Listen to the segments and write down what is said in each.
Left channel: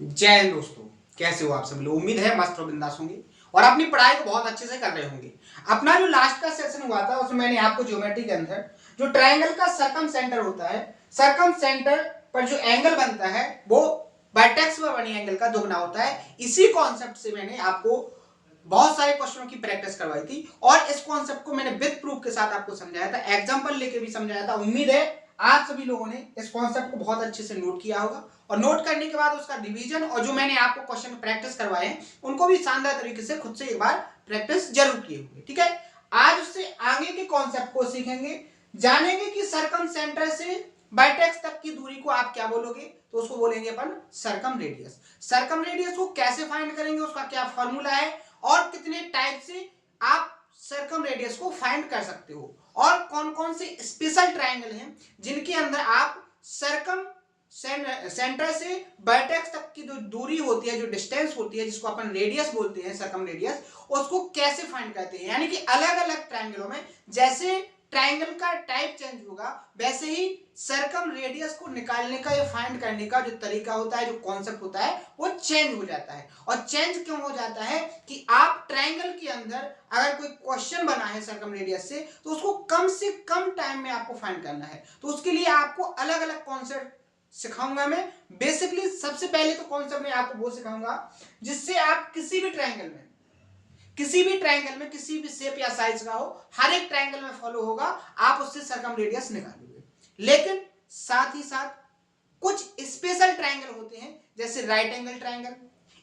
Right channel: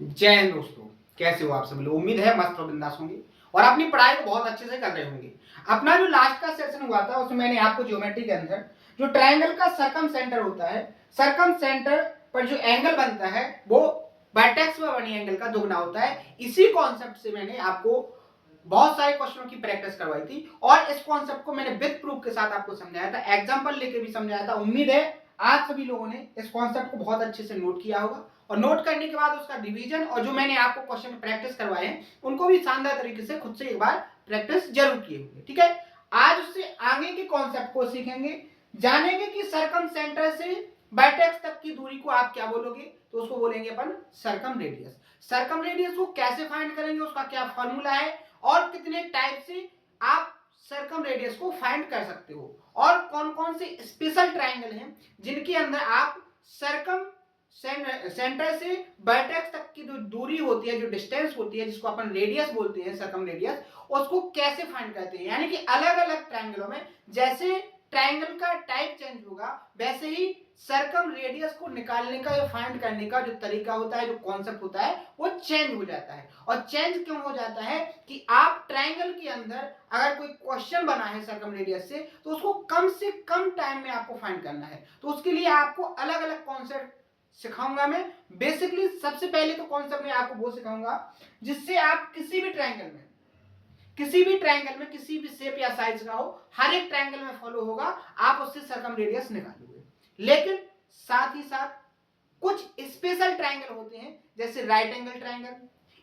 जय हिंद दोस्तों, कैसे हो आप सभी लोग। उम्मीद है मस्त और बिंदास होंगे और अपनी पढ़ाई को बहुत अच्छे से कर रहे होंगे। अपना जो लास्ट का सेशन हुआ था उसमें मैंने आपको ज्योमेट्री के अंदर जो ट्रायंगल का सर्कम सेंटर होता है, सर्कम सेंटर पर जो एंगल बनता है वो वर्टेक्स पर बनी एंगल का दुगना होता है। इसी कॉन्सेप्ट से मैंने आपको बहुत सारे क्वेश्चनों की प्रैक्टिस करवाई थी और इस कॉन्सेप्ट को मैंने विद प्रूफ के साथ आपको समझाया था, एग्जांपल लेके भी समझाया था। उम्मीद है आप सभी लोगों ने इस कॉन्सेप्ट को बहुत अच्छे से नोट किया होगा और नोट करने के बाद उसका रिवीजन और जो मैंने आपको क्वेश्चन प्रैक्टिस करवाए हैं उनको भी शानदार तरीके से खुद से एक बार प्रैक्टिस जरूर किए होंगे। ठीक है, आज उससे आगे के कॉन्सेप्ट को सीखेंगे, जानेंगे कि सर्कम सेंटर से वर्टेक्स तक की दूरी को आप क्या बोलोगे, तो उसको बोलेंगे अपन सर्कम रेडियस। सर्कम रेडियस को कैसे फाइंड करेंगे, उसका क्या फॉर्मूला है और कितने टाइप से आप सर्कम रेडियस को फाइंड कर सकते हो और कौन कौन से स्पेशल ट्रायंगल हैं जिनके अंदर आप सर्कम सेंटर से वर्टेक्स तक की जो दूरी होती है, जो डिस्टेंस होती है, जिसको अपन रेडियस बोलते हैं, सर्कम रेडियस, उसको कैसे फाइंड करते हैं। यानी कि अलग अलग ट्रायंगलों में जैसे ट्रायंगल का टाइप चेंज होगा वैसे ही सर्कम रेडियस को निकालने का या फाइंड करने का जो तरीका होता है, जो कॉन्सेप्ट होता है, वो चेंज हो जाता है। और चेंज क्यों हो जाता है कि आप ट्रायंगल के अंदर अगर कोई क्वेश्चन बना है सर्कम रेडियस से तो उसको कम से कम टाइम में आपको फाइंड करना है। तो उसके लिए आपको अलग अलग कॉन्सेप्ट सिखाऊंगा मैं। बेसिकली सबसे पहले तो कॉन्सेप्ट में आपको वो सिखाऊंगा जिससे आप किसी भी ट्रायंगल में किसी भी शेप या साइज का हो, हर एक ट्रायंगल में फॉलो होगा, आप उससे सर्कम रेडियस निकालोगे। लेकिन साथ ही साथ कुछ स्पेशल ट्रायंगल होते हैं जैसे right angle triangle,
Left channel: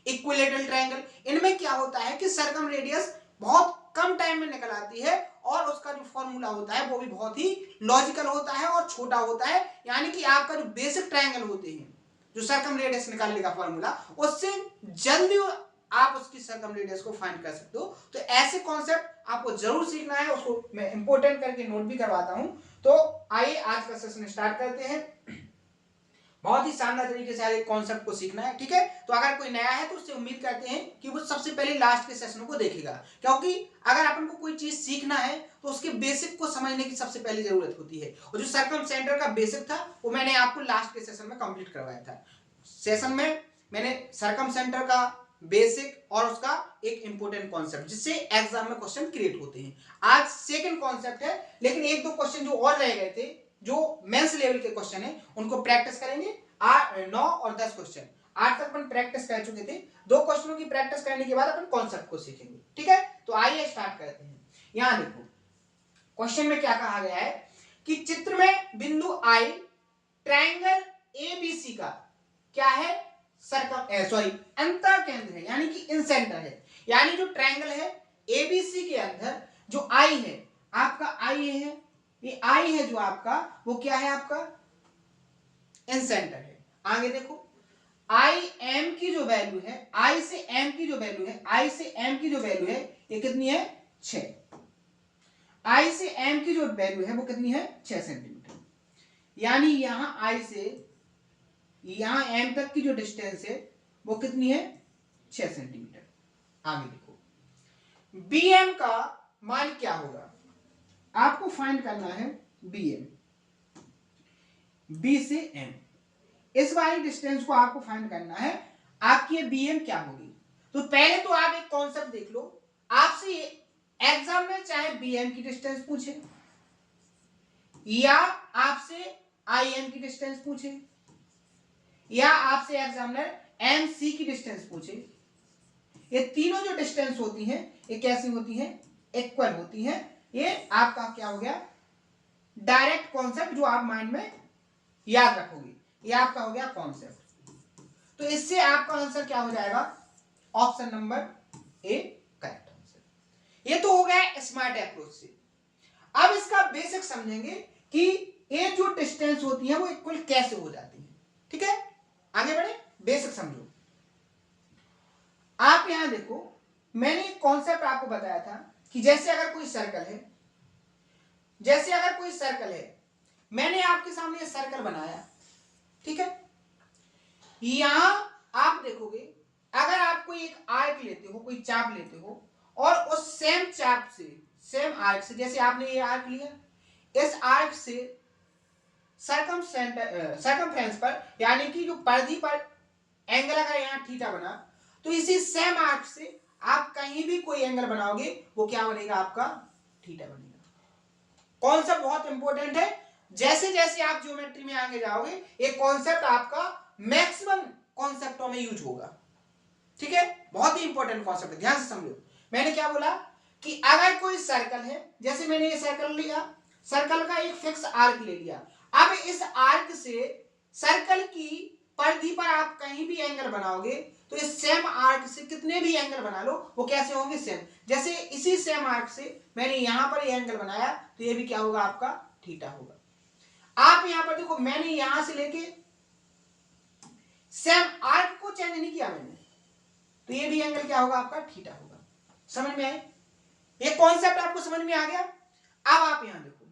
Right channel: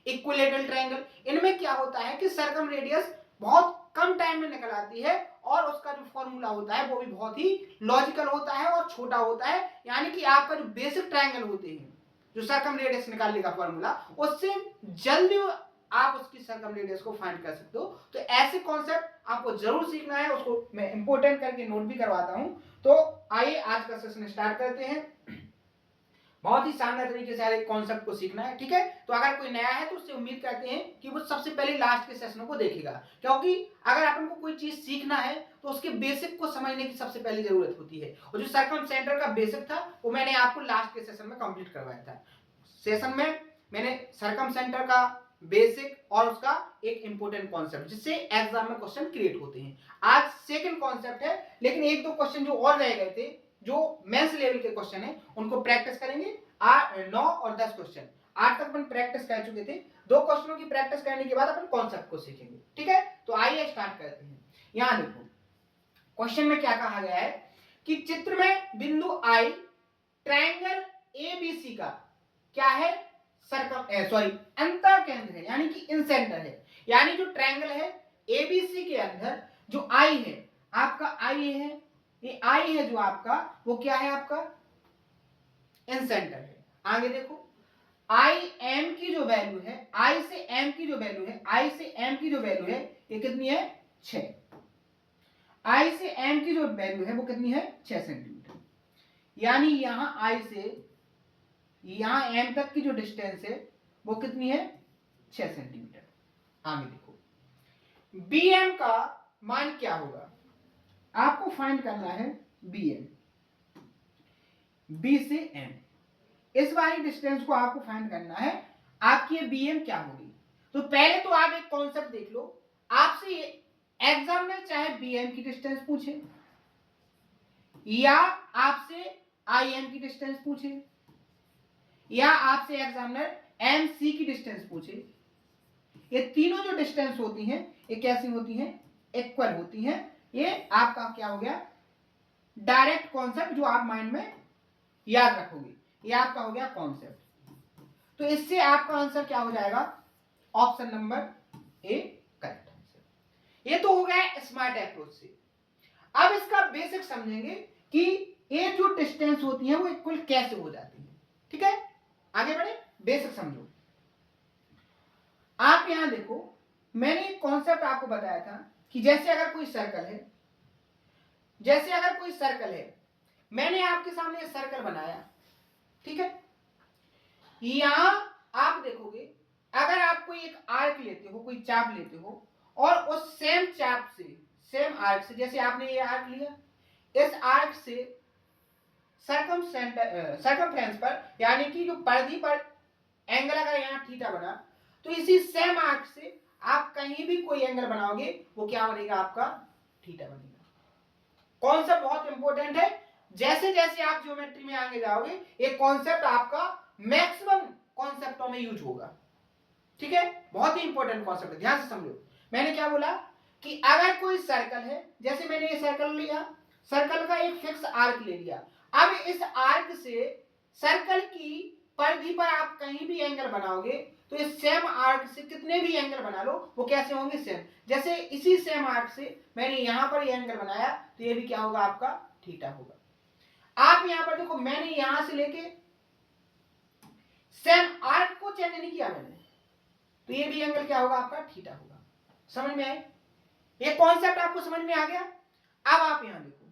equilateral triangle. इनमें क्या होता है कि सर्कम रेडियस बहुत कम टाइम में निकल आती है और उसका जो फॉर्मूला होता है वो भी बहुत ही लॉजिकल होता है और छोटा होता है। यानी कि आपका जो बेसिक ट्रायंगल होते हैं, जो सर्कम रेडियस निकालने का फॉर्मूला, उससे जल्दी आप उसकी सर्कम रेडियस को फाइंड कर सकते हो। तो ऐसे कॉन्सेप्ट आपको जरूर सीखना है, उसको मैं इंपोर्टेंट करके नोट भी करवाता हूं। तो आइए आज का सेशन स्टार्ट करते हैं। बहुत ही शानदार तरीके से हर एक कॉन्सेप्ट को सीखना है। ठीक है, तो अगर कोई नया है तो उससे उम्मीद करते हैं कि वो सबसे पहले लास्ट के सेशनों को देखेगा, क्योंकि अगर अपन को कोई चीज सीखना है तो उसके बेसिक को समझने की सबसे पहले जरूरत होती है। और जो सर्कम सेंटर का बेसिक था वो मैंने आपको लास्ट के सेशन में कंप्लीट करवाया था। सेशन में मैंने सर्कम सेंटर का बेसिक और उसका एक इंपॉर्टेंट कॉन्सेप्ट जिससे एग्जाम में क्वेश्चन क्रिएट होते हैं। आज सेकंड कॉन्सेप्ट है, लेकिन एक दो क्वेश्चन जो और रह गए थे, जो मेंस लेवल के क्वेश्चन है, उनको प्रैक्टिस करेंगे। 9 और 10 क्वेश्चन आज तक अपन प्रैक्टिस कर चुके थे। दो क्वेश्चनों की प्रैक्टिस करने के बाद अपन कॉन्सेप्ट को सीखेंगे। ठीक है, तो आइए स्टार्ट करते हैं। यहां देखो क्वेश्चन में क्या कहा गया है कि चित्र में बिंदु आई ट्रायंगल एबीसी का क्या है, सर्कम सॉरी अंतर केंद्र है, यानी कि इन सेंटर है। यानी जो ट्रायंगल है एबीसी के अंदर जो आई है, आपका आई है, ये आई है जो आपका, वो क्या है, आपका इन सेंटर है। आगे देखो आई एम की जो वैल्यू है, आई से एम की जो वैल्यू है, आई से एम की जो वैल्यू है ये कितनी है, 6। आई से एम की जो वैल्यू है वो कितनी है, 6 सेंटीमीटर। यानी यहां आई से यहां एम तक की जो डिस्टेंस है वो कितनी है, 6 सेंटीमीटर। आगे देखो बी एम का मान क्या होगा, आपको फाइंड करना है बी एम, बी से एम, इस वाली डिस्टेंस को आपको फाइंड करना है। आपकी बी एम क्या होगी, तो पहले तो आप एक कॉन्सेप्ट देख लो। आपसे एग्जाम में चाहे बी एम की डिस्टेंस पूछे या आपसे आई एम की डिस्टेंस पूछे या आपसे एग्जामिनर एम सी की डिस्टेंस पूछे, ये तीनों जो डिस्टेंस होती हैं ये कैसी होती हैं, इक्वल होती हैं। ये आपका क्या हो गया, डायरेक्ट कॉन्सेप्ट जो आप माइंड में याद रखोगे, ये आपका हो गया कॉन्सेप्ट। तो इससे आपका आंसर क्या हो जाएगा, option number A correct answer. ये तो हो गया स्मार्ट अप्रोच से। अब इसका बेसिक समझेंगे कि ये जो डिस्टेंस होती है वो इक्वल कैसे हो जाती है। ठीक है, आगे बढ़े, बेसिक समझो। आप यहां देखो मैंने एक कॉन्सेप्ट आपको बताया था कि जैसे अगर कोई सर्कल है, मैंने आपके सामने ये सर्कल बनाया, ठीक है। यहां आप देखोगे अगर आप कोई एक आर्क लेते हो, कोई चाप लेते हो और उस सेम चाप से, सेम आर्क से, जैसे आपने ये आर्क लिया, इस आर्क से सर्कमफ्रेंस पर, यानी कि जो परिधि पर एंगल अगर यहाँ थीटा बना तो इसी सेम आर्क से आप कहीं भी कोई एंगल बनाओगे वो क्या बनेगा, आपका थीटा बनेगा। कॉन्सेप्ट बहुत इंपॉर्टेंट है, जैसे जैसे आप ज्योमेट्री में आगे जाओगे ये कॉन्सेप्ट आपका मैक्सिमम कॉन्सेप्टों में यूज होगा, ठीक है। बहुत ही इंपॉर्टेंट कॉन्सेप्ट है, ध्यान से समझो। मैंने क्या बोला कि अगर कोई सर्कल है, जैसे मैंने ये सर्कल लिया, सर्कल का एक फिक्स आर्क ले लिया, अब इस आर्क से सर्कल की परिधि पर आप कहीं भी एंगल बनाओगे तो इस सेम आर्क से कितने भी एंगल बना लो वो कैसे होंगे, सेम। जैसे इसी सेम आर्क से मैंने यहां पर ये एंगल बनाया तो ये भी क्या होगा, आपका थीटा होगा। आप यहां पर देखो, मैंने यहां से लेके सेम आर्क को चेंज नहीं किया मैंने, तो ये भी एंगल क्या होगा, आपका थीटा होगा। समझ में आए, ये कॉन्सेप्ट आपको समझ में आ गया। अब आप यहां देखो,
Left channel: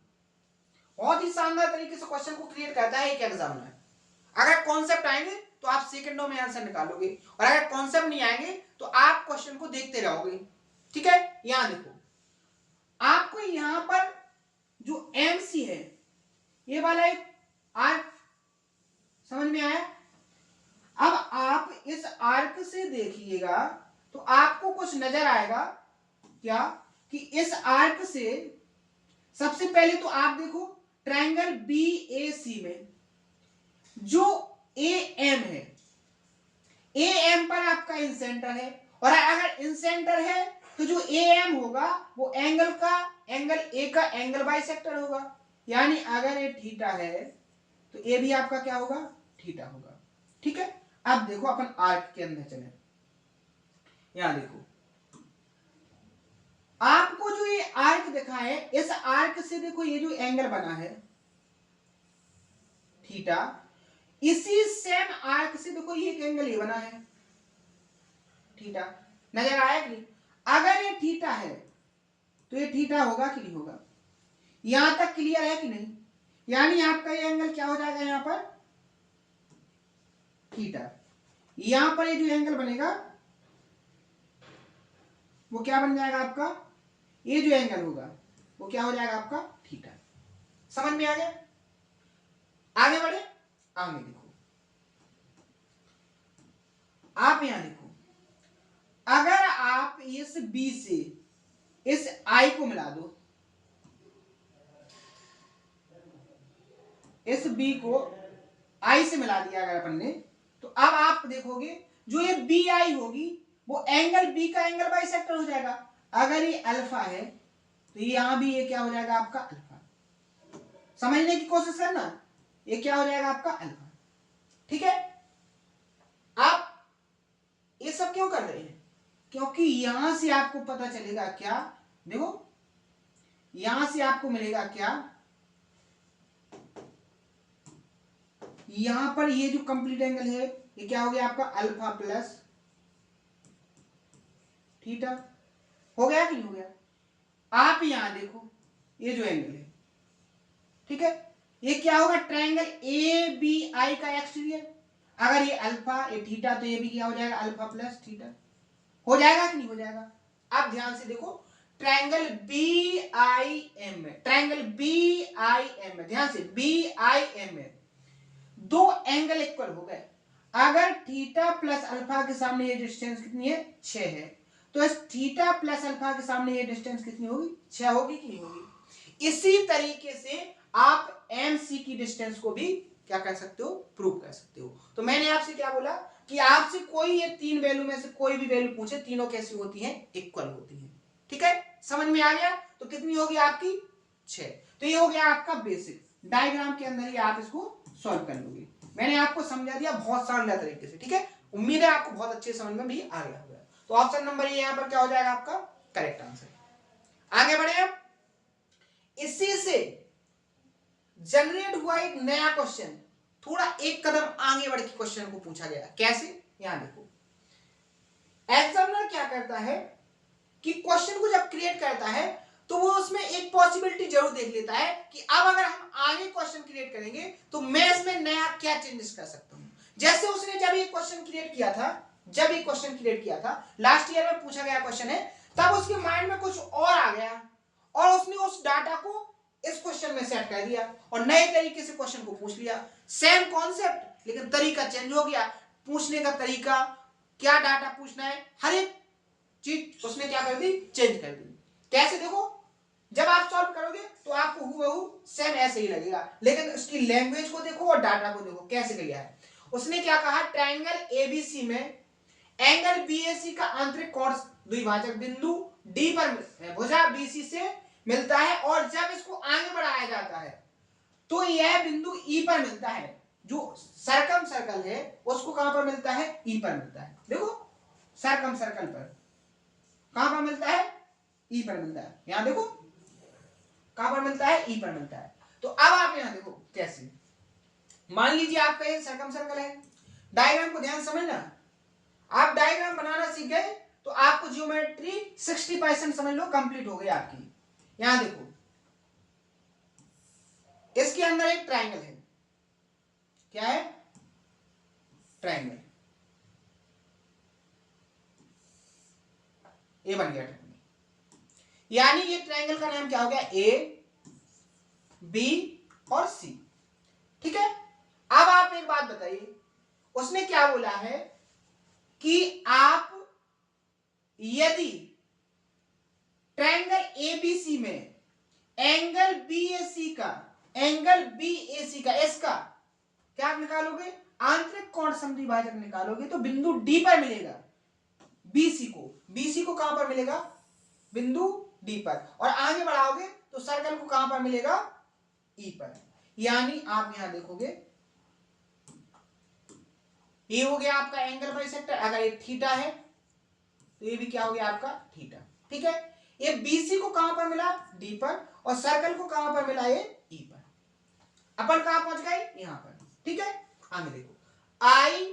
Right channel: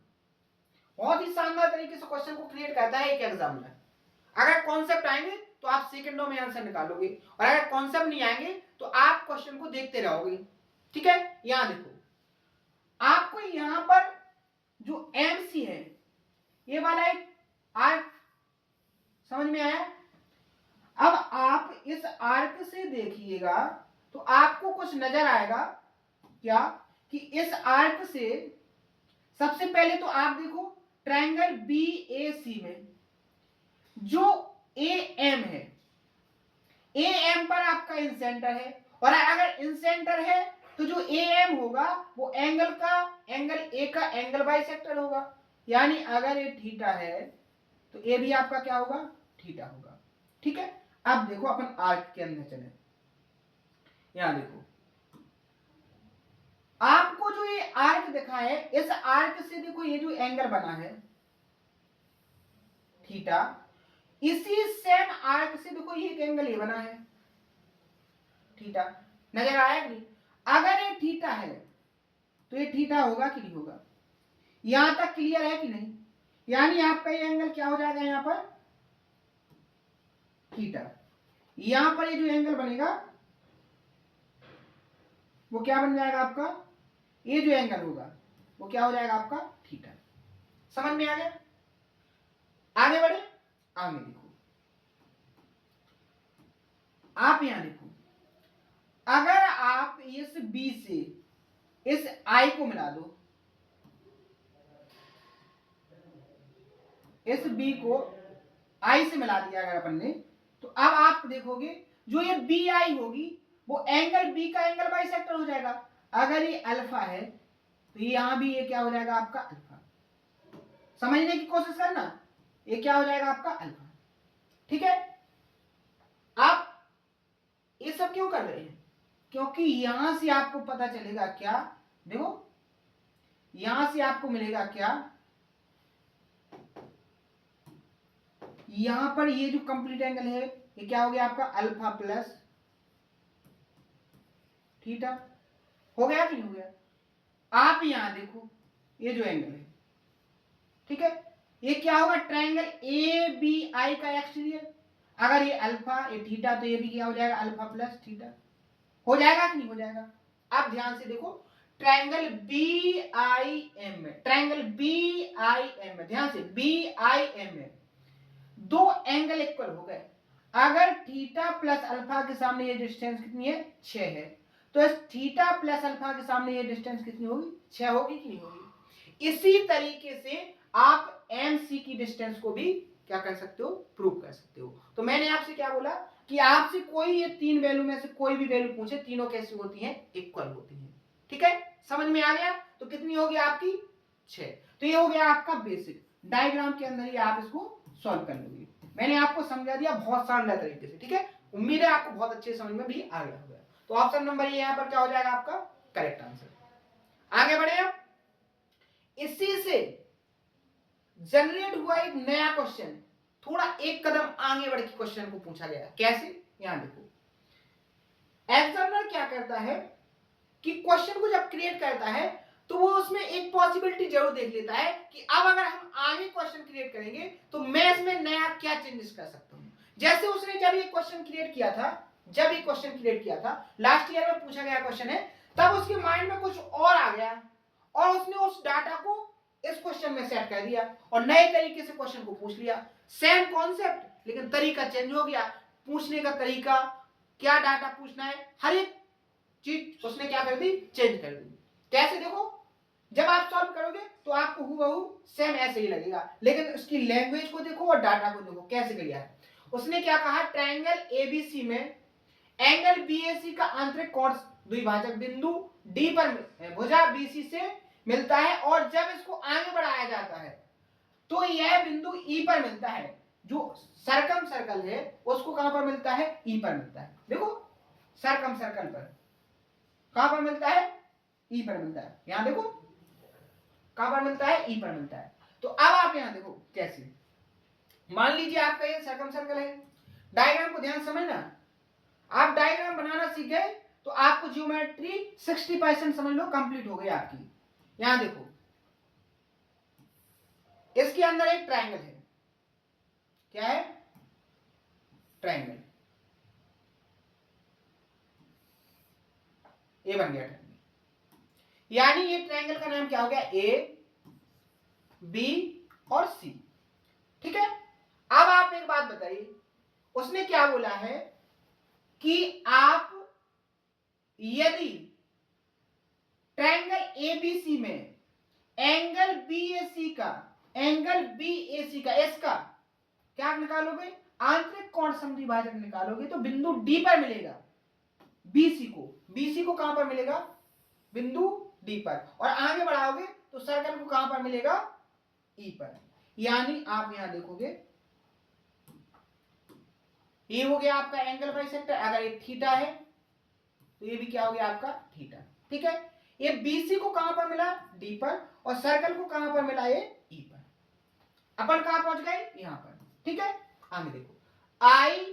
बहुत ही शानदार तरीके से क्वेश्चन को क्रिएट करता है एक एग्जामिनर। अगर कॉन्सेप्ट आएंगे तो आप सेकंडों में आंसर निकालोगे, और अगर कॉन्सेप्ट नहीं आएंगे तो आप क्वेश्चन को देखते रहोगे, ठीक है। यहां देखो, आपको यहां पर जो एमसी है ये वाला एक आर्क समझ में आया। अब आप इस आर्क से देखिएगा तो आपको कुछ नजर आएगा क्या, कि इस आर्क से सबसे पहले तो आप देखो ट्रायंगल BAC में जो AM है, AM पर आपका इंसेंटर है, और अगर इंसेंटर है तो जो AM होगा वो एंगल A का एंगल बाइसेक्टर होगा, यानी अगर ये थीटा है तो ये भी आपका क्या होगा, थीटा होगा, ठीक है। अब देखो अपन आर्क के अंदर चले, यहां देखो आपको जो ये आर्क दिखा है, इस आर्क से देखो ये जो एंगल बना है थीटा, इसी सेम आर्क से देखो ये एक एंगल ये बना है थीटा, नजर आया कि नहीं। अगर ये थीटा है तो ये थीटा होगा कि नहीं होगा, यहां तक क्लियर है कि नहीं। यानी आपका ये एंगल क्या हो जाएगा, यहां पर थीटा, यहां पर ये जो एंगल बनेगा वो क्या बन जाएगा आपका, ये जो एंगल होगा वो क्या हो जाएगा, आपका थीटा। समझ में आ गया। आगे बढ़े, आगे देखो, आप यहां देखो, अगर आप इस B से इस I को मिला दो, इस B को I से मिला दिया अगर अपन ने, तो अब आप देखोगे जो ये BI होगी वो एंगल B का एंगल बाइसेक्टर हो जाएगा। अगर ये अल्फा है तो यहां भी ये क्या हो जाएगा, आपका अल्फा। समझने की कोशिश करना, ये क्या हो जाएगा, आपका अल्फा, ठीक है। आप ये सब क्यों कर रहे हैं, क्योंकि यहां से आपको पता चलेगा क्या, देखो यहां से आपको मिलेगा क्या, यहां पर ये जो कंप्लीट एंगल है ये क्या हो गया, आपका अल्फा प्लस थीटा, हो गया कि नहीं हो गया। आप यहां देखो ये जो एंगल है, ठीक है, ये क्या होगा, ट्रायंगल ABI का एक्सटीरियर। अगर ये अल्फा ये थीटा तो ये भी क्या हो जाएगा, अल्फा प्लस थीटा, हो जाएगा कि नहीं हो जाएगा। आप ध्यान से देखो, ट्रायंगल BIM में, ट्रायंगल BIM में, ध्यान से BIM में दो एंगल इक्वल हो गए। अगर थीटा प्लस अल्फा के सामने ये डिस्टेंस कितनी है, 6 है, तो इस थीटा प्लस अल्फा के सामने ये डिस्टेंस कितनी होगी, 6 होगी कि नहीं होगी। इसी तरीके से आप MC की डिस्टेंस को भी क्या कर सकते हो, प्रूव कर सकते हो। तो मैंने आपसे क्या बोला कि आपसे कोई ये तीन वैल्यू में से कोई भी वैल्यू पूछे, तीनों कैसी होती हैं, इक्वल होती हैं, ठीक है। समझ में आ गया, तो कितनी होगी आपकी, 6। तो ये हो गया आपका बेसिक, डायग्राम के अंदर ही आप इसको सॉल्व कर लोगे। मैंने आपको समझा दिया बहुत शानदार तरीके से, ठीक है। उम्मीद है आपको बहुत अच्छे समझ में भी आ गया होगा। तो ऑप्शन नंबर ये यहां पर क्या हो जाएगा, आपका करेक्ट आंसर। आगे बढ़े, अब इसी से जनरेट हुआ एक नया क्वेश्चन, थोड़ा एक कदम आगे बढ़ के क्वेश्चन को पूछा गया। कैसे, यहां देखो, एग्जामिनर क्या करता है कि क्वेश्चन को जब क्रिएट करता है तो वो उसमें एक पॉसिबिलिटी जरूर देख लेता है कि अब अगर हम आगे क्वेश्चन क्रिएट करेंगे तो मैं इसमें नया क्या चेंजेस कर सकता हूं। जैसे उसने जब ये क्वेश्चन क्रिएट किया था, लास्ट ईयर में पूछा गया क्वेश्चन है, तब उसके माइंड में कुछ और आ गया और उसने उस डाटा को इस क्वेश्चन में सेट कर दिया और नए तरीके से क्वेश्चन को पूछ लिया। सेम कॉन्सेप्ट लेकिन तरीका चेंज हो गया, पूछने का तरीका, क्या डाटा पूछना है, हर एक चीज उसने क्या कर दी, चेंज कर दी। कैसे, देखो जब आप सॉल्व करोगे तो आपको हूबहू सेम ऐसे ही लगेगा, लेकिन उसकी लैंग्वेज को देखो और डाटा को देखो कैसे किया है। उसने क्या कहा, ट्रायंगल एबीसी में एंगल बीएसी का आंतरिक कोण द्विभाजक बिंदु डी पर भुजा बीसी से मिलता है, और जब इसको आगे बढ़ाया जाता है तो यह बिंदु ई पर मिलता है। जो सरकम सर्कल है उसको कहां पर मिलता है, ई पर मिलता है। देखो सरकम सर्कल पर कहां पर मिलता है, ई पर मिलता है। यहां देखो कहां पर मिलता है, ई पर मिलता है। तो अब आप यहां देखो कैसे, मान लीजिए आपका ये सरकम सर्कल है, डायग्राम को ध्यान समझना, आप डायग्राम बनाना सीख गए तो आपको ज्योमेट्री 60% समझ लो कंप्लीट हो गई आपकी। यहां देखो इसके अंदर एक ट्रायंगल है, क्या है, ट्रायंगल, ये बन गया ट्रायंगल, यानी ये ट्रायंगल का नाम क्या हो गया, ए बी और सी। ठीक है, अब आप एक बात बताइए, उसने क्या बोला है कि आप यदि ट्रायंगल एबीसी में एंगल बीएसी का इसका क्या निकालोगे, आंतरिक कोण समद्विभाजक निकालोगे तो बिंदु डी पर मिलेगा बीसी को कहां पर मिलेगा, बिंदु डी पर, और आगे बढ़ाओगे तो सर्कल को कहां पर मिलेगा, ई पर। यानी आप यहां देखोगे ये हो गया आपका एंगल बाइसेक्टर, अगर ये थीटा है तो ये भी क्या हो गया आपका थीटा। ठीक है, ये बीसी को कहां पर मिला, डी पर, और सर्कल को कहां पर मिला, ये ई पर। अपन कहां पहुंच गए, यहां पर। ठीक है, आगे देखो, आई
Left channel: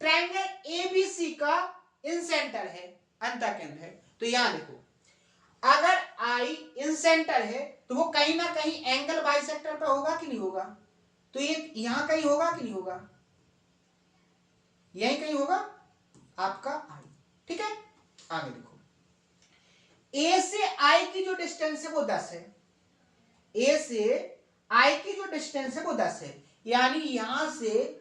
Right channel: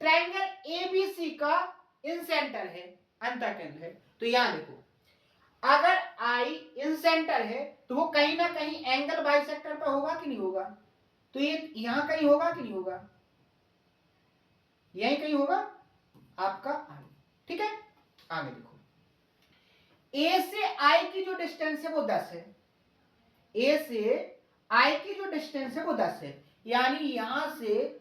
ट्रायंगल एबीसी का इन सेंटर है, अंतःकेंद्र है। तो यहां देखो अगर आई इन सेंटर है तो वो कहीं ना कहीं एंगल बाइसेक्टर पर होगा कि नहीं होगा, तो ये यहां कहीं होगा कि नहीं होगा, यही कहीं होगा आपका आई। ठीक है, आगे देखो, ए से आई की जो डिस्टेंस है वो 10 है, ए से आई की जो डिस्टेंस है वो 10 है, यानी यहां से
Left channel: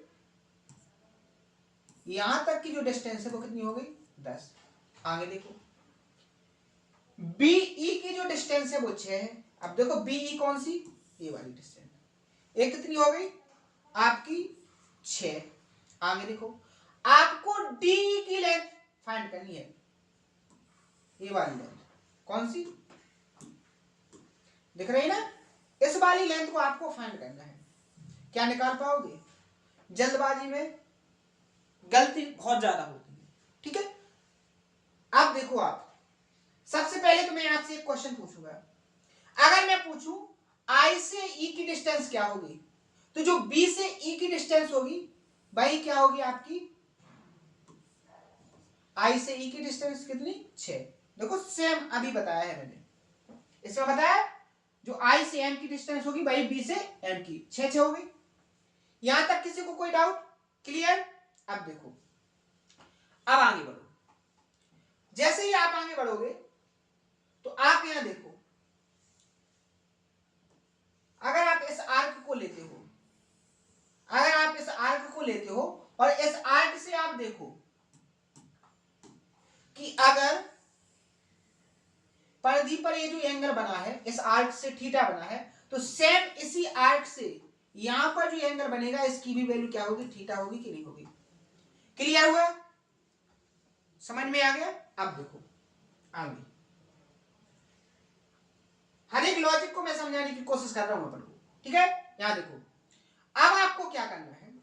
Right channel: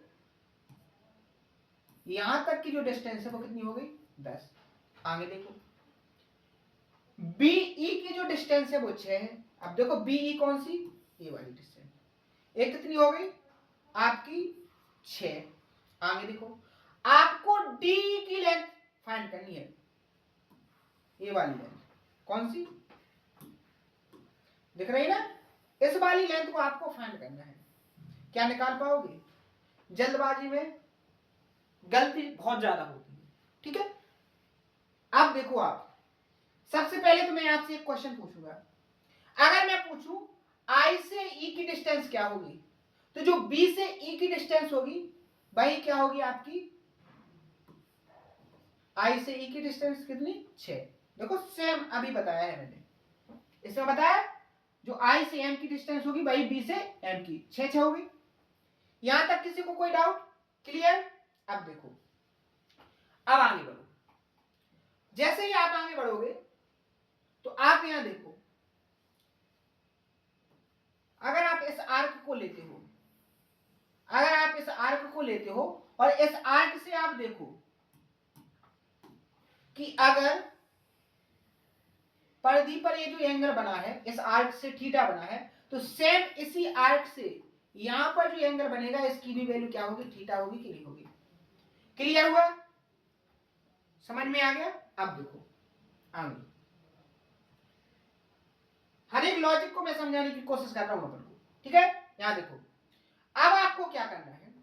यहां तक की जो डिस्टेंस है वो कितनी हो गई, 10। आगे देखो, बीई की जो डिस्टेंस है वो 6 है। अब देखो बीई कौन सी, ये वाली डिस्टेंस, ये कितनी हो गई आपकी 6। आगे देखो, आपको डी की लेंथ फाइंड करनी है, ये वाली लेंथ कौन सी दिख रही है ना, इस वाली लेंथ को आपको फाइंड करना है। क्या निकाल पाओगे, जल्दबाजी में गलती बहुत ज्यादा होती है। ठीक है, अब देखो, आप सबसे पहले तो मैं आपसे एक क्वेश्चन पूछूंगा, अगर मैं पूछूं आई से ई की डिस्टेंस क्या होगी, तो जो बी से ई की डिस्टेंस होगी वही क्या होगी आपकी, आई से ई की डिस्टेंस कितनी, 6। देखो सेम अभी बताया है मैंने, इसमें बताया जो आई से एम की डिस्टेंस होगी वही बी से एम की, 6 हो गई। यहां तक किसी को कोई डाउट, क्लियर। अब देखो, अब आगे बढ़ो, जैसे ही आप आगे बढ़ोगे तो आप यहां देखो, अगर आप इस आर्क को लेते हो, और इस आर्क से आप देखो कि अगर परिधि पर ये जो एंगल बना है, इस आर्क से थीटा बना है, तो सेम इसी आर्क से यहां पर जो एंगल बनेगा इसकी भी वैल्यू क्या होगी, थीटा होगी कि नहीं होगी। क्लियर हुआ, समझ में आ गया। अब देखो आगे, हर एक लॉजिक को मैं समझाने की कोशिश कर रहा हूं अपन को। ठीक है, यहां देखो, अब आपको क्या करना है,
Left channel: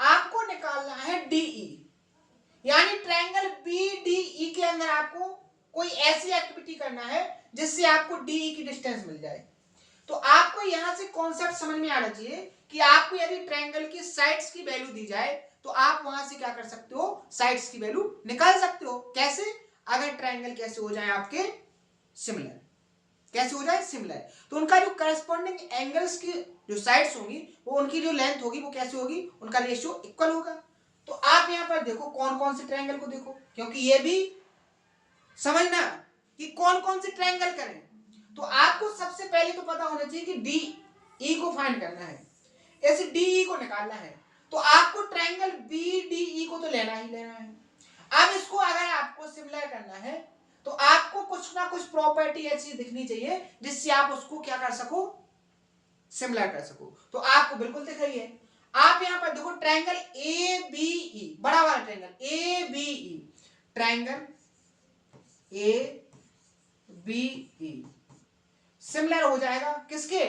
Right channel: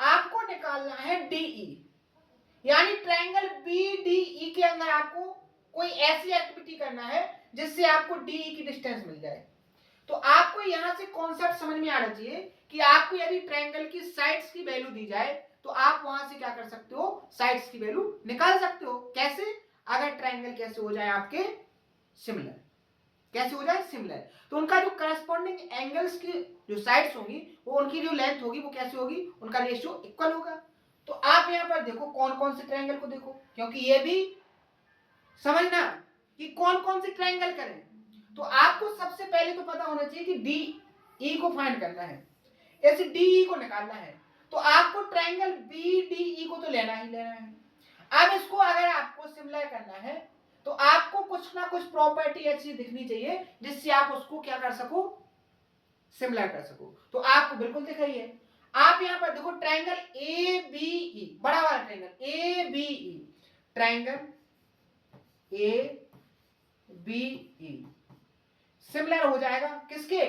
आपको निकालना है डीई, यानी ट्रायंगल बीडीई के अंदर आपको कोई ऐसी एक्टिविटी करना है जिससे आपको डीई की डिस्टेंस मिल जाए। तो आपको यहां से कॉन्सेप्ट समझ में आना चाहिए कि आपको यदि ट्रायंगल की साइड्स की वैल्यू दी जाए तो आप वहां से क्या कर सकते हो, साइड्स की वैल्यू निकाल सकते हो। कैसे, अगर ट्रायंगल कैसे हो जाए आपके सिमिलर, कैसे हो जाए सिमिलर, तो उनका जो करस्पॉन्डिंग एंगल्स की जो साइड्स होंगी वो उनकी जो लेंथ होगी वो कैसे होगी, उनका रेशियो इक्वल होगा। तो आप यहां पर देखो कौन कौन से ट्रायंगल को देखो, क्योंकि ये भी समझना कि कौन कौन से ट्रायंगल करें। तो आपको सबसे पहले तो पता होना चाहिए कि डी ई को फाइंड करना है, इस डी ई को निकालना है। तो आपको ट्रायंगल BDE को तो लेना ही लेना है। अब इसको अगर आपको सिमिलर करना है तो आपको कुछ ना कुछ प्रॉपर्टी ऐसी दिखनी चाहिए जिससे आप उसको क्या कर सको, सिमिलर कर सको। तो आपको बिल्कुल दिख रही है। आप यहां पर देखो ट्रायंगल ABE, बड़ा वाला triangle ABE, triangle ABE similar हो जाएगा किसके,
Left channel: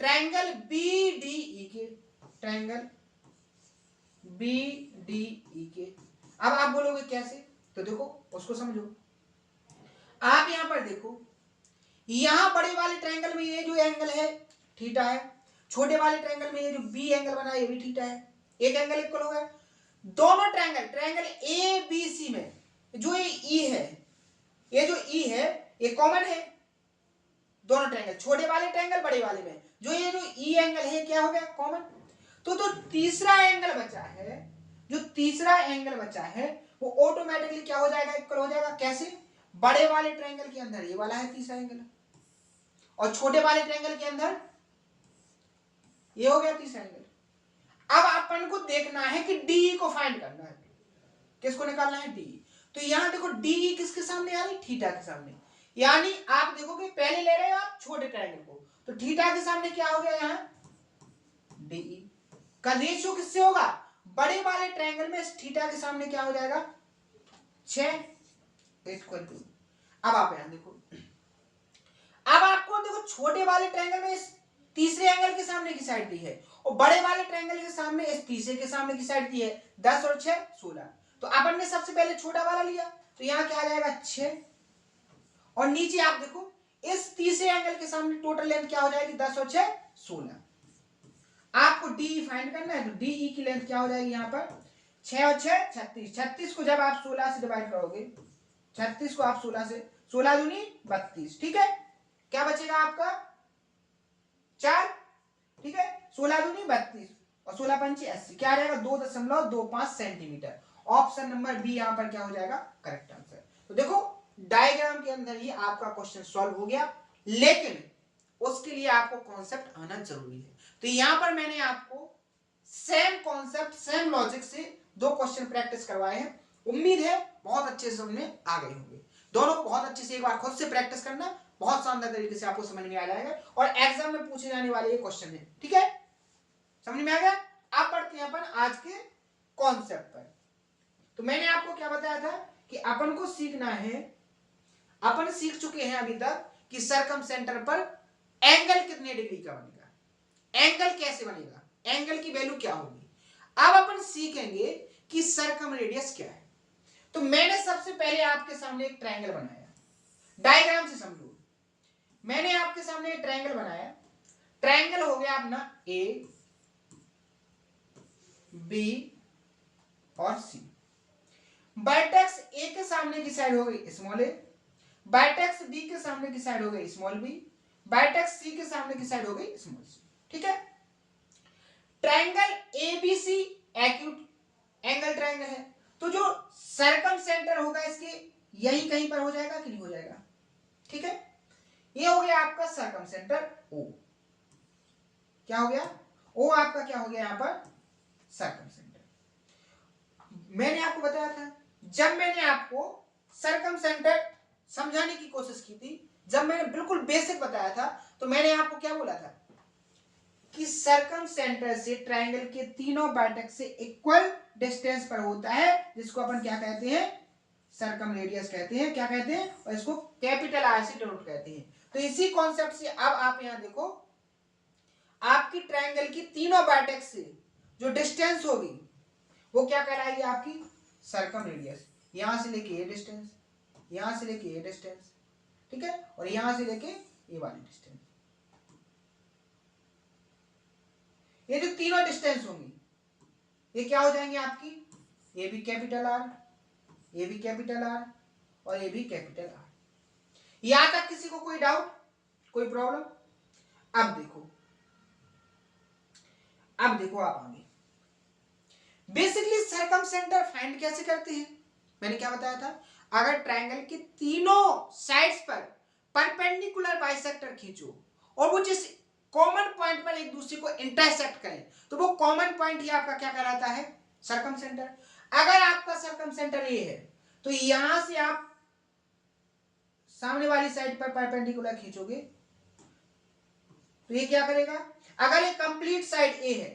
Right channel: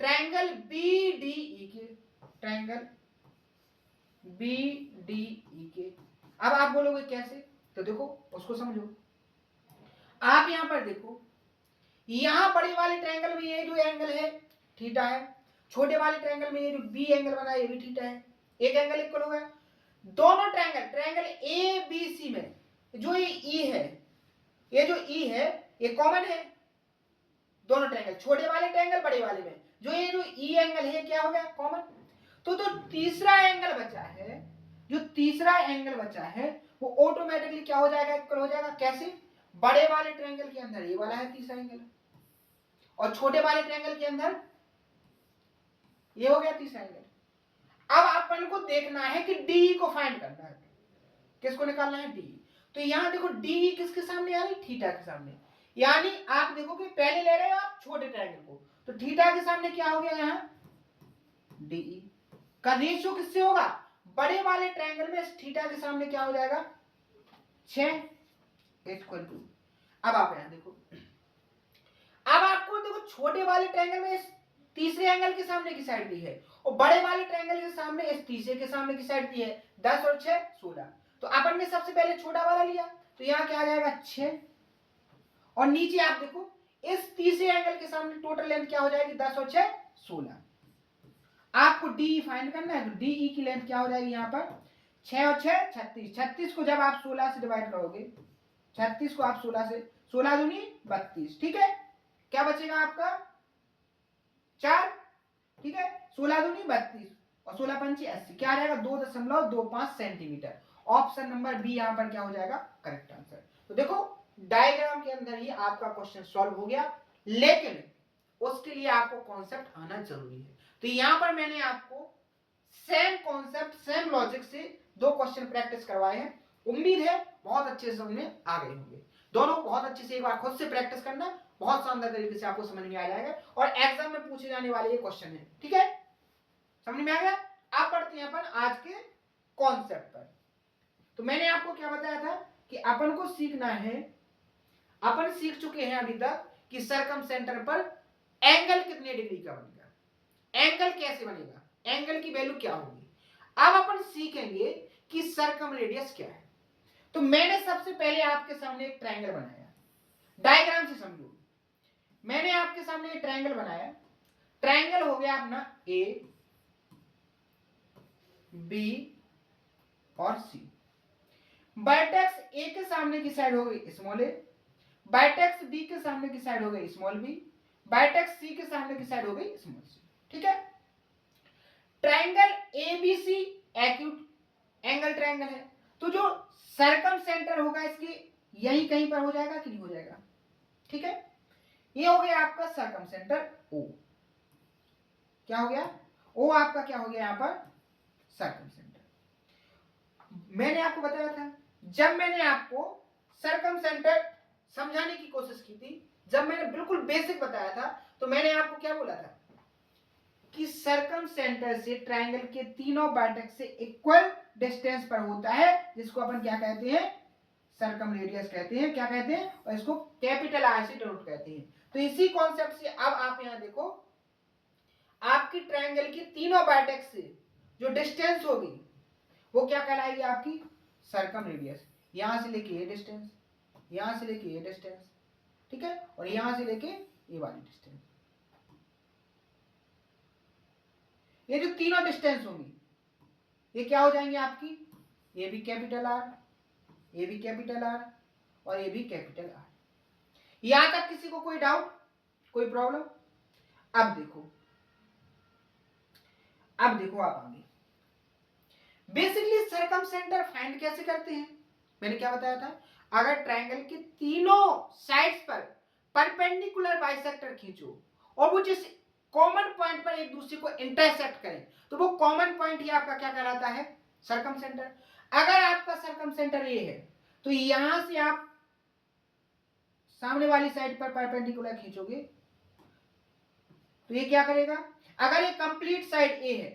ट्रायंगल BDE के, ट्रायंगल BDE के। अब आप बोलोगे कैसे, तो देखो उसको समझो। आप यहां पर देखो, यहां बड़े वाले ट्रायंगल में ये जो एंगल है थीटा है, छोटे वाले ट्रायंगल में ये जो बी एंगल बना है ये भी थीटा है, एक एंगल इक्वल हो गया। दोनों ट्रायंगल ABC में जो ये ई है, ये जो ई है ये कॉमन है दोनों ट्रायंगल, छोटे वाले ट्रायंगल बड़े वाले में जो ये जो ई एंगल है क्या हो गया, कॉमन। तो तीसरा एंगल बचा है, जो तीसरा एंगल बचा है वो ऑटोमेटिकली क्या हो जाएगा, इक्वल हो जाएगा। कैसे, बड़े वाले ट्रायंगल के अंदर ये वाला है तीसरा एंगल और छोटे वाले ट्रायंगल के अंदर ये हो गया तीसरा एंगल। अब अपन को देखना है कि DE को फाइंड करना है, किसको निकालना है, DE। तो यहां देखो DE किसके सामने आ रही, थीटा के सामने। यानी आप देखोगे पहले ले रहे हो आप छोटे ट्रायंगल को, तो थीटा के सामने क्या हो गया, यहाँ DE का रेशियो किससे होगा, बड़े वाले ट्रायंगल में थीटा के सामने क्या हो जाएगा, 6 इक्वल टू। अब आप यहां देखो, अब आपको देखो छोटे वाले ट्रायंगल में इस तीसरे एंगल के सामने की साइड दी है और बड़े वाले ट्रायंगल के सामने इस तीसरे के सामने की साइड दी है 10 और 6 16। तो अपन ने सबसे पहले छोटा वाला लिया तो यहां क्या आ जाएगा 6 और नीचे आप देखो इस तीसरे एंगल के सामने टोटल लेंथ क्या हो जाएगी 10 और 6 16। आपको DE फाइंड करना है तो DE की लेंथ क्या हो जाएगी, यहां पर 6 और 6 36, 36 को जब आप 16 से डिवाइड करोगे, 36 को आप 16 से, 16 दूनी 32, ठीक है, क्या बचेगा आपका 4, ठीक है, 16 दूनी 32 और 16 पंची 80, क्या आ जाएगा 2.25 सेंटीमीटर। ऑप्शन नंबर बी यहां पर क्या हो जाएगा, करेक्ट आंसर। तो देखो डायग्राम के अंदर ही आपका क्वेश्चन सॉल्व हो गया, लेकिन उसके लिए आपको कॉन्सेप्ट आना जरूरी है। तो यहां पर मैंने आपको सेम कॉन्सेप्ट सेम लॉजिक से 2 क्वेश्चन प्रैक्टिस करवाए हैं। उम्मीद है बहुत अच्छे से समझ में आ गए होंगे। दोनों बहुत अच्छे से एक बार खुद से प्रैक्टिस करना, बहुत शानदार तरीके से आपको समझ में आ जाएगा और एग्जाम में पूछे जाने वाले ये क्वेश्चन है, ठीक है, समझ में आ गया। आप पढ़ते हैं अपन आज के कॉन्सेप्ट पर। तो मैंने आपको क्या बताया था कि अपन को सीखना है, अपन सीख चुके हैं अभी तक कि सरकम सेंटर पर एंगल कितने डिग्री का बनेगा, एंगल कैसे बनेगा, एंगल की वैल्यू क्या होगी। अब अपन सीखेंगे कि सरकम रेडियस क्या है। तो मैंने सबसे पहले आपके सामने एक ट्रायंगल बनाया, डायग्राम से समझो। मैंने आपके सामने एक ट्रायंगल बनाया, ट्रायंगल हो गया अपना A B और C। वर्टेक्स A के सामने की साइड हो गई स्मॉल a, वर्टेक्स B के सामने की साइड हो गई स्मॉल b, वर्टेक्स C के सामने की साइड हो गई स्मॉल c, ठीक है। Triangle ABC acute angle triangle है, तो जो सर्कम सेंटर होगा इसके यही कहीं पर हो जाएगा कि नहीं हो जाएगा, ठीक है। ये हो गया आपका सर्कम सेंटर O, क्या हो गया O, आपका क्या हो गया यहां पर सर्कम सेंटर। मैंने आपको बताया था, जब मैंने आपको सर्कम सेंटर समझाने की कोशिश की थी, जब मैंने बिल्कुल बेसिक बताया था, तो मैंने आपको क्या बोला था कि सर्कम सेंटर से ट्रायंगल के तीनों वर्टेक्स से इक्वल डिस्टेंस पर होता है, जिसको अपन क्या कहते हैं, सर्कम रेडियस कहते हैं, क्या कहते हैं, और इसको कैपिटल R से डिनोट कहते हैं। तो इसी कॉन्सेप्ट से अब आप यहां देखो, आपकी ट्रायंगल की तीनों वर्टेक्स से जो डिस्टेंस होगी वो क्या कहलाएगी, आपकी सर्कम रेडियस। यहां से लेके ये डिस्टेंस, यहां से लेके ये डिस्टेंस, ठीक है, और यहां से लेके ये वाली डिस्टेंस, ये जो तीनों डिस्टेंस होंगी ये क्या हो जाएंगे आपकी, ये भी कैपिटल R, ये भी कैपिटल R और ये भी कैपिटल R। यहां तक किसी को कोई डाउट, कोई प्रॉब्लम। अब देखो, अब देखो आप आगे बेसिकली सर्कम सेंटर फाइंड कैसे करते हैं। मैंने क्या बताया था, अगर ट्रायंगल के तीनों साइड्स पर परपेंडिकुलर बाइसेक्टर खींचो और वो जिस कॉमन पॉइंट पर एक दूसरे को इंटरसेक्ट करें, तो वो कॉमन पॉइंट ही आपका क्या कहलाता है, सर्कम सेंटर। अगर आपका सर्कम सेंटर ये है तो यहां से आप सामने वाली साइड पर परपेंडिकुलर खींचोगे तो ये क्या करेगा, अगर ये कंप्लीट साइड ए है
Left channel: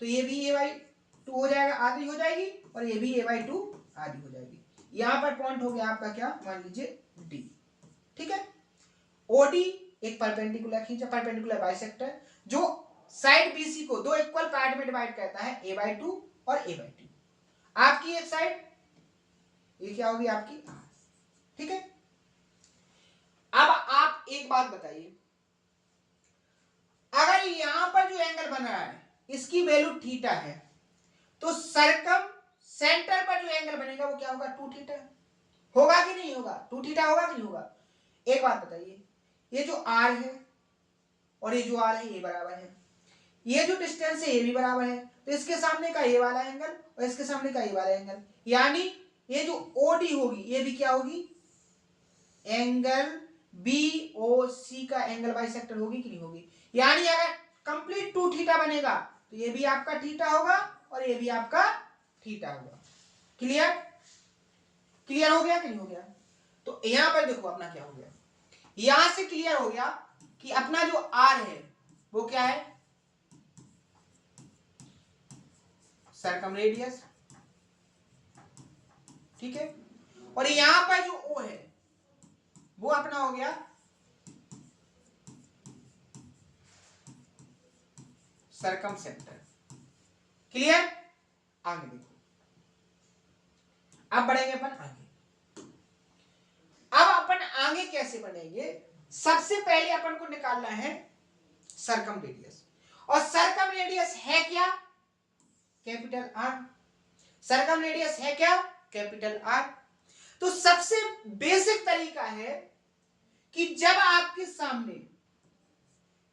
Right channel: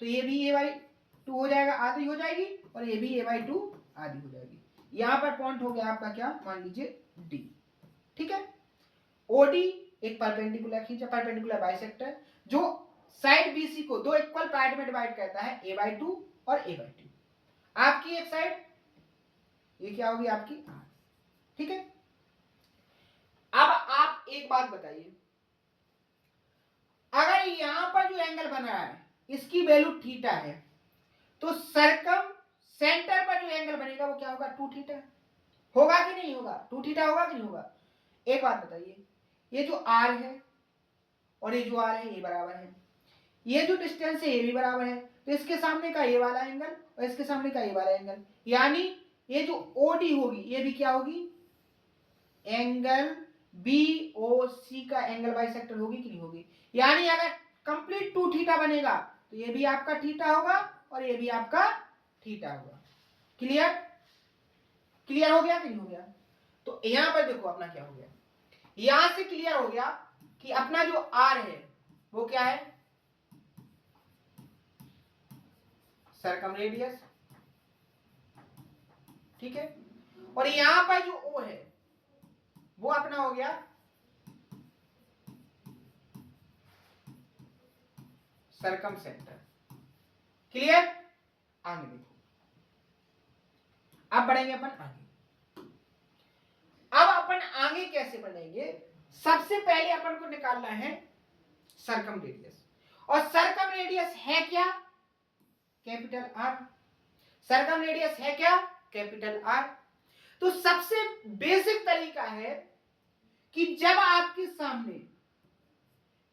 तो ये भी a/2 हो जाएगा, आधी हो जाएगी, और ये भी a/2 आधी हो जाएगी। यहां पर पॉइंट हो गया आपका क्या, मान लीजिए डी। ठीक है, ओडी एक परपेंडिकुलर खींचा, परपेंडिकुलर बाइसेक्टर जो साइड बीसी को दो इक्वल पार्ट में डिवाइड करता है, a/2 और a/2। आपकी एक साइड ये क्या होगी आपकी आर। ठीक है, अब आप एक बात बताइए, अगर यहां पर जो एंगल बन रहा है इसकी वैल्यू थीटा है, तो सर्कम सेंटर पर जो एंगल बनेगा वो क्या होगा, 2 थीटा होगा कि नहीं होगा, 2 थीटा होगा कि नहीं होगा। एक बात बताइए, ये जो आर है और ये जो आर है ये बराबर है, ये जो डिस्टेंस है ये भी बराबर है, तो इसके सामने का ये वाला एंगल और इसके सामने का ये वाला एंगल, यानी ये जो ओडी होगी ये भी क्या होगी, एंगल बीओसी का एंगल बाइसेक्टर होगी कि नहीं होगी। यानी अगर कंप्लीट 2 थीटा बनेगा तो ये भी आपका थीटा होगा और ये भी आपका थीटा होगा। क्लियर, क्लियर हो गया कि नहीं हो गया। तो यहां पर देखो अपना क्या हो गया, यहां से क्लियर हो गया कि अपना जो आर है वो क्या है, सर्कम रेडियस। ठीक है, और यहां पर जो ओ है वो अपना हो गया सर्कम सेंटर। क्लियर, आगे देखो, अब बढ़ेंगे अपन आगे। अब अपन आगे कैसे बढ़ेंगे, सबसे पहले अपन को निकालना है सर्कम रेडियस, और सर्कम रेडियस है क्या, कैपिटल आर। सर्कम रेडियस है क्या, कैपिटल आर। तो सबसे बेसिक तरीका है कि जब आपके सामने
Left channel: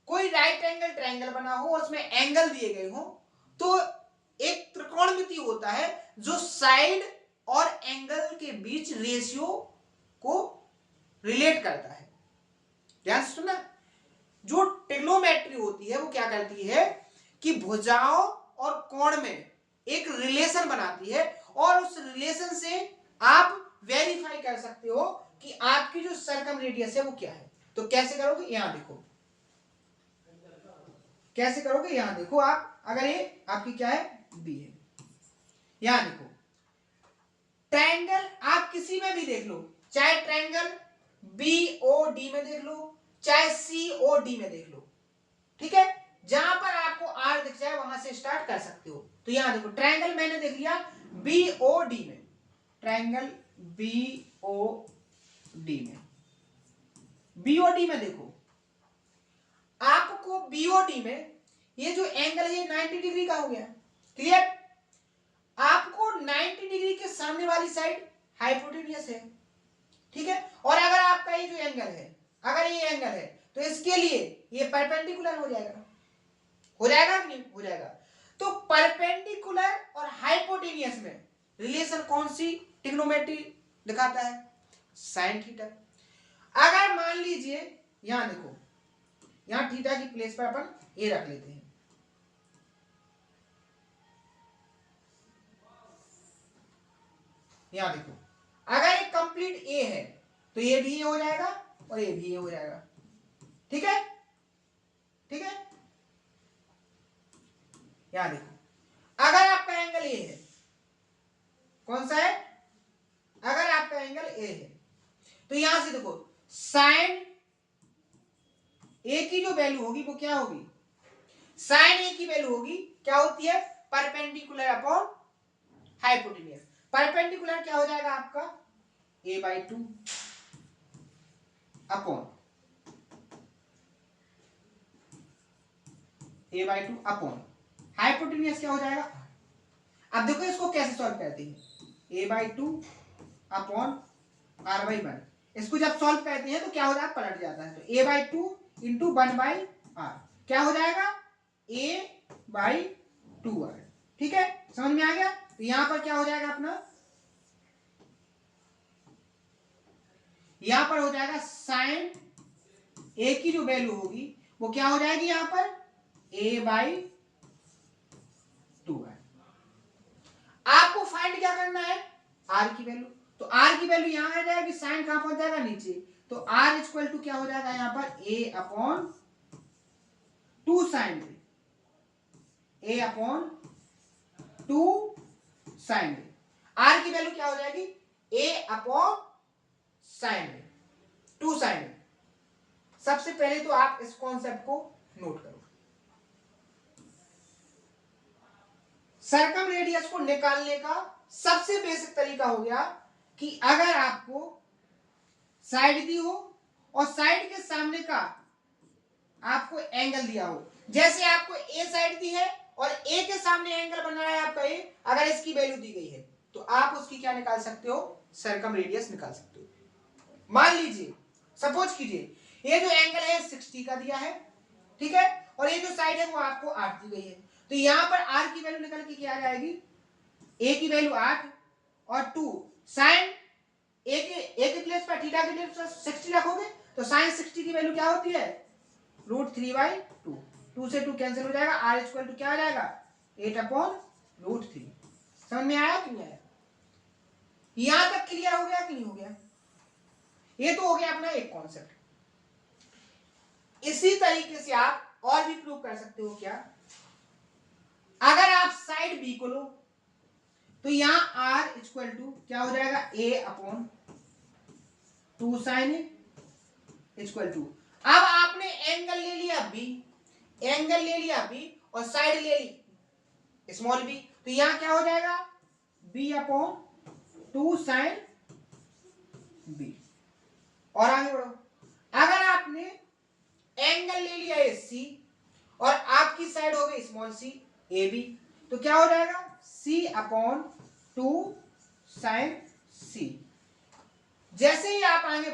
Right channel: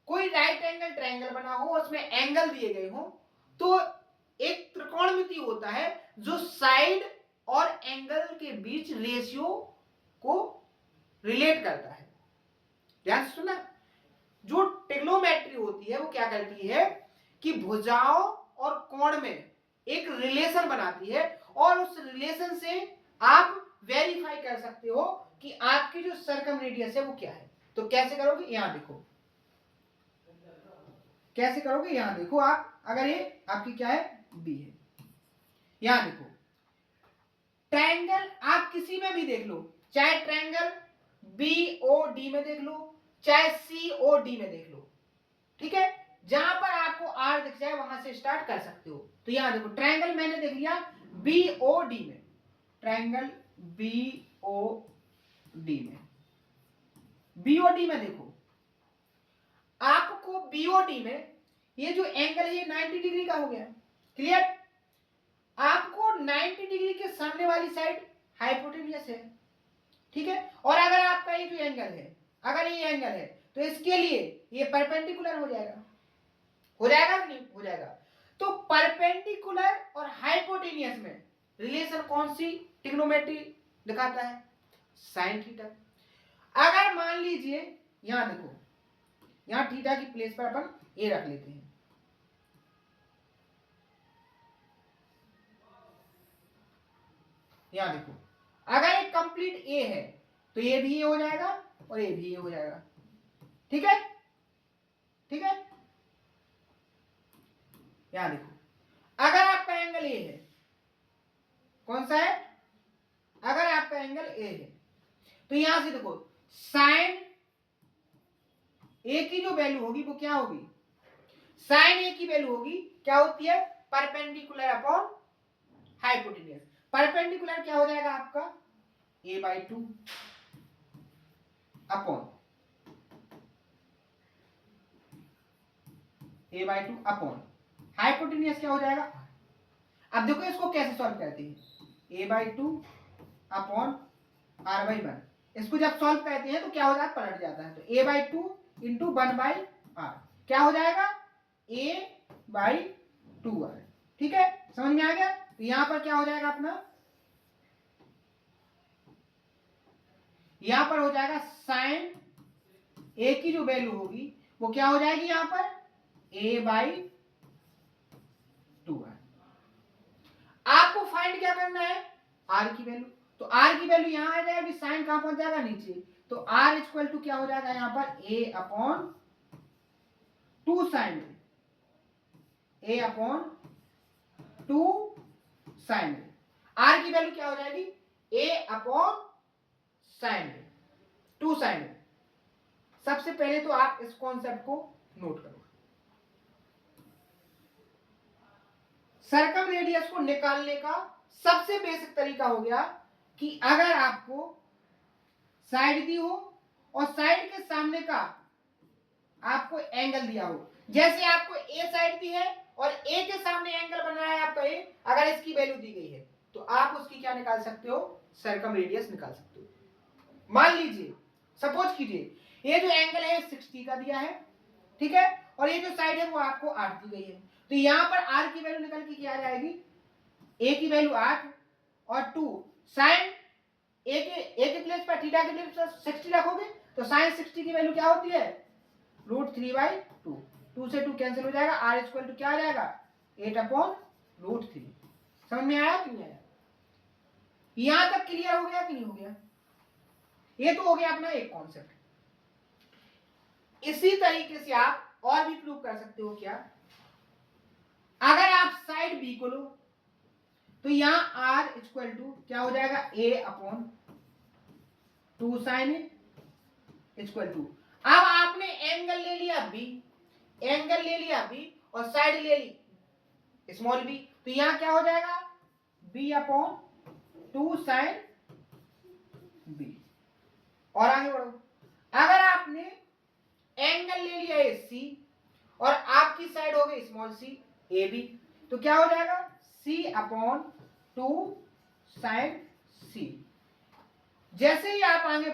कोई राइट एंगल ट्रायंगल बना हो, उसमें एंगल दिए गए हो, तो एक त्रिकोणमिति होता है जो साइड और एंगल के बीच रेशियो को रिलेट करता है। ध्यान सुनना, जो ट्रिग्नोमेट्री होती है वो क्या करती है कि भुजाओं और कोण में एक रिलेशन बनाती है, और उस रिलेशन से आप वेरीफाई कर सकते हो कि आपकी जो सर्कम रेडियस है वो क्या है। तो कैसे करोगे, यहां देखो कैसे करोगे, यहां देखो आप, अगर ये आपकी क्या है, बी है, यहां देखो ट्रायंगल आप किसी में भी देख लो, चाहे ट्रायंगल बीओडी में देख लो, चाहे सीओडी में देख लो। ठीक है, जहां पर आपको आर दिख जाए वहां से स्टार्ट कर सकते हो। तो यहां देखो ट्रायंगल मैंने देख लिया बीओडी में, ट्रायंगल बीओडी में, बीओडी में देखो आपको बीओडी में ये जो एंगल है ये 90 डिग्री का हो गया। क्लियर, आपको 90 डिग्री के सामने वाली साइड हाइपोटेन्यूस है। ठीक है, और अगर आपका ये जो एंगल है, अगर ये एंगल है तो इसके लिए ये परपेंडिकुलर हो जाएगा, हो जाएगा कि नहीं हो जाएगा। तो परपेंडिकुलर और हाइपोटेन्यूस में रिलेशन कौन सी ट्रिग्नोमेट्री दिखाता है, साइन थीटा। अगर मान लीजिए यहां देखो, यहां थीटा की प्लेस पर अपन ए रख लेते हैं, यहां देखो अगर ये कंप्लीट ए है तो ये भी ए हो जाएगा और ये भी ए हो जाएगा। ठीक है, ठीक है, यहां देखो अगर आपका एंगल ए है, कौन सा है, अगर आपका एंगल ए है तो यहां से देखो साइन ए की जो वैल्यू होगी वो क्या होगी, साइन ए की वैल्यू होगी क्या होती है, परपेंडिकुलर अपॉन हाइपोटेन्यूस। परपेंडिकुलर क्या हो जाएगा आपका a/2 upon a/2 upon hypotenuse क्या हो जाएगा। अब देखो इसको कैसे सॉल्व करते हैं, a/2 अपॉन r/1। इसको जब सॉल्व करते हैं तो क्या हो जाता है, पलट जाता है। तो a/2 इंटू 1/r क्या हो जाएगा, a/2r। ठीक है, समझ में आ गया। तो यहां पर क्या हो जाएगा अपना, यहां पर हो जाएगा साइन ए की जो वैल्यू होगी वो क्या हो जाएगी यहां पर a/2 है। आपको फाइंड क्या करना है, r की वैल्यू। तो r की वैल्यू यहां आ जाएगी, साइन कहां पहुंच जाएगा, नीचे। तो r इक्वल टू क्या हो जाएगा यहां पर a/2 sine a/2 sine r की वैल्यू क्या हो जाएगी a/sin2 साइन। सबसे पहले तो आप इस कॉन्सेप्ट को नोट करो। सर्कम रेडियस को निकालने का सबसे बेसिक तरीका हो गया कि अगर आपको साइड दी हो और साइड के सामने का आपको एंगल दिया हो, जैसे आपको ए साइड दी है और ए के सामने एंगल बन रहा है आपका ए, अगर इसकी वैल्यू दी गई है तो आप उसकी क्या निकाल सकते हो, सर्कम रेडियस निकाल सकते हो। मान लीजिए, सपोज कीजिए ये जो एंगल है 60 का दिया है, ठीक है, और ये जो साइड है वो आपको 8 दी गई है। तो यहां पर r की वैल्यू निकल के क्या आ जाएगी, a की वैल्यू 8 और 2 साइन a के प्लेस पर थीटा के प्लेस पर 60 रखोगे तो साइन 60 की वैल्यू क्या होती है √3/2। 2 से 2 कैंसिल हो जाएगा, r इक्वल टू क्या आ जाएगा 8/√3। समझ में आया कि नहीं आया? यहां तक क्लियर हो गया कि नहीं हो गया? ये तो हो गया अपना एक कॉन्सेप्ट। इसी तरीके से आप और भी प्रूव कर सकते हो। क्या, अगर आप साइड बी को लो तो यहां r इक्वल टू क्या हो जाएगा a/2 साइन इक्वल टू, अब आपने एंगल ले लिया b और साइड ले ली स्मॉल b, तो यहां क्या हो जाएगा b/2 साइन b। और आगे बढ़ो, अगर आपने एंगल ले लिया है c और आपकी साइड हो गई स्मॉल c ab, तो क्या हो जाएगा c/2 साइन c। जैसे ही आप आगे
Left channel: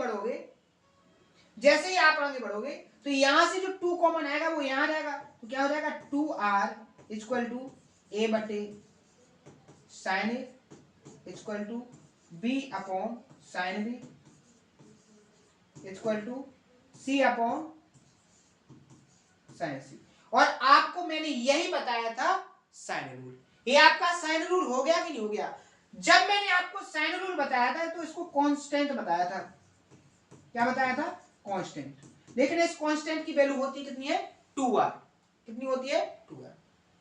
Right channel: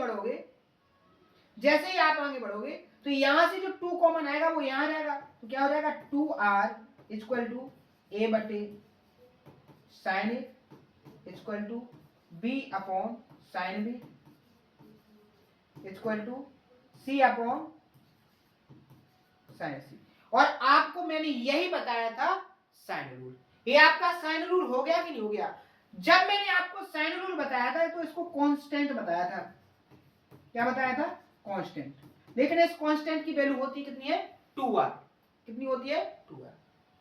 बढ़ोगे तो यहां से जो 2 कॉमन आएगा वो यहां आ जाएगा, तो क्या हो जाएगा 2r equal to a/sin a equal to b/sin b equal to c/sin c। और आपको मैंने यही बताया था साइन रूल। ये आपका साइन रूल हो गया कि नहीं हो गया? जब मैंने आपको साइन रूल बताया था तो इसको कांस्टेंट बताया था। क्या बताया था? कांस्टेंट। लेकिन इस कांस्टेंट की वैल्यू होती कितनी है 2r। कितनी होती है 2r।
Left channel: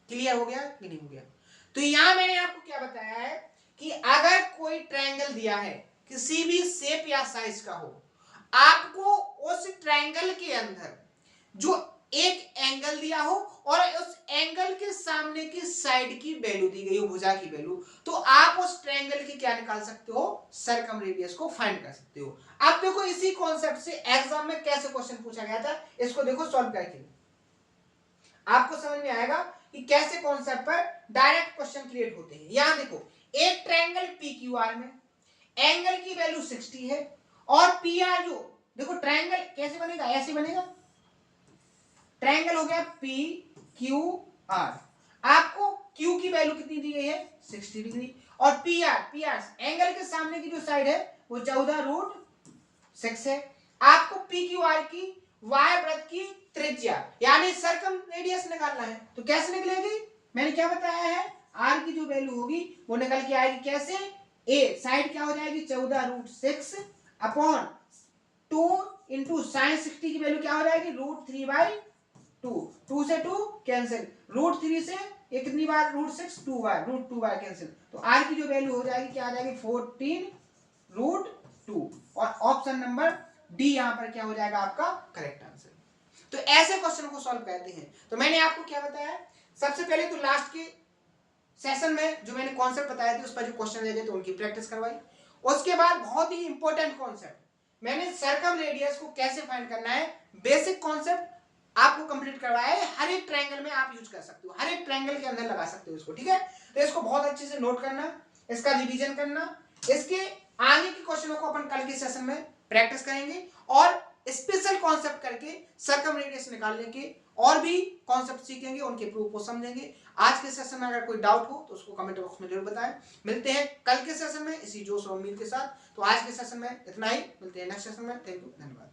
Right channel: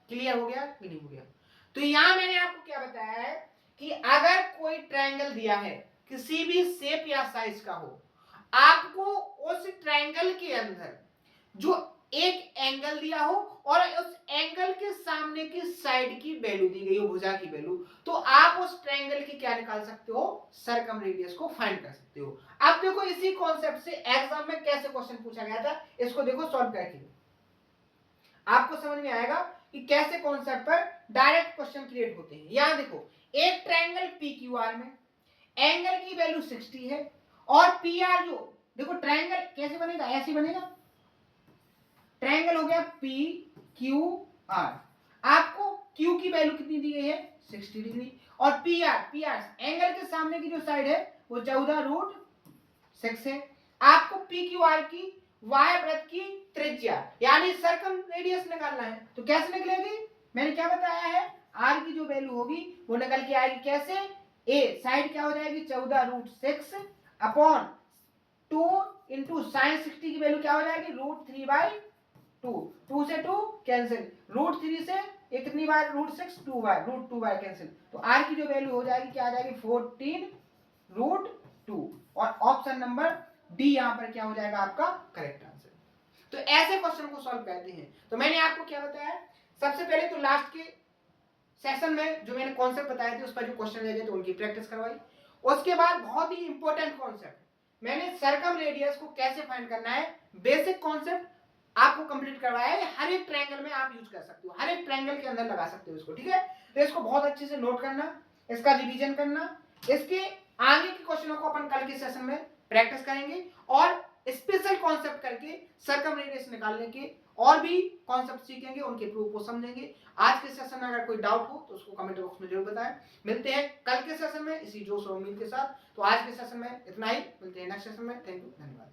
क्लियर हो गया कि नहीं हो गया? तो यहां मैंने आपको क्या बताया है कि अगर कोई ट्रायंगल दिया है किसी भी शेप या साइज का हो, आपको उस ट्रायंगल के अंदर जो एक एंगल दिया हो और उस एंगल के सामने की साइड की वैल्यू दी गई हो, भुजा की वैल्यू, तो आप उस ट्रायंगल की क्या निकाल सकते हो, सर्कम रेडियस को फाइंड कर सकते हो। अब देखो इसी कॉन्सेप्ट से एग्जाम में कैसे क्वेश्चन पूछा गया था, इसको देखो सॉल्व करके आपको समझ में आएगा कि कैसे कॉन्सेप्ट पर डायरेक्ट क्वेश्चन क्रिएट होते हैं। यहां देखो, एक ट्रायंगल PQR में एंगल की वैल्यू 60 है और PR जो, देखो ट्रायंगल कैसे बनेगा, ऐसे बनेगा। ट्रायंगल हो गया PQR, आपको Q की वैल्यू कितनी दी गई है 60 डिग्री, और PR एंगल के सामने की जो साइड है वो 14√6 है। आपको PQR की वाय वृत्त की त्रिज्या यानी सर्कम रेडियस निकालना है, तो कैसे निकलेगी? मैंने क्या बताया है, R की जो वैल्यू होगी वो निकल के आएगी कैसे, A साइड क्या हो जाएगी 14√6/2 इंटू साइन 60 की वैल्यू क्या हो जाएगी √3/2। 2 से 2 कैंसिल, √3 से एक कितनी बार √6 2 बार, √2 बार कैंसिल, तो R की जो वैल्यू हो जाएगी क्या आ जाएगी 14√2। और ऑप्शन नंबर डी यहां पर क्या हो जाएगा आपका करेक्ट आंसर। तो ऐसे क्वेश्चन को सॉल्व करते हैं। तो मैंने आपको क्या बताया, सबसे पहले तो लास्ट के सेशन में जो मैंने कॉन्सेप्ट बताए थे उस पर जो क्वेश्चन दिए थे तो उनकी प्रैक्टिस करवाई। उसके बाद बहुत ही इंपॉर्टेंट कॉन्सेप्ट, मैंने सर्कम रेडियस को कैसे फाइंड करना है, बेसिक कॉन्सेप्ट आपको कंप्लीट करवाया है। हर एक ट्रायंगल में आप यूज कर सकते हो, हर एक ट्रायंगल के अंदर लगा सकते हो इसको, ठीक है। तो इसको बहुत अच्छे से नोट करना, इसका रिवीजन करना, इसके आगे के क्वेश्चनों को अपन कल के सेशन में प्रैक्टिस करेंगे और स्पेशल कॉन्सेप्ट करके सर्कम रेडियस निकालने के और भी कॉन्सेप्ट सीखेंगे, उनके प्रूफ को समझेंगे। आज के सेशन में अगर कोई डाउट हो तो उसको कमेंट बॉक्स में जरूर बताएं। मिलते हैं कल के सेशन में इसी जोश और उम्मीद के साथ। तो आज के सेशन में इतना ही, मिलते हैं नेक्स्ट सेशन में। थैंक यू, धन्यवाद।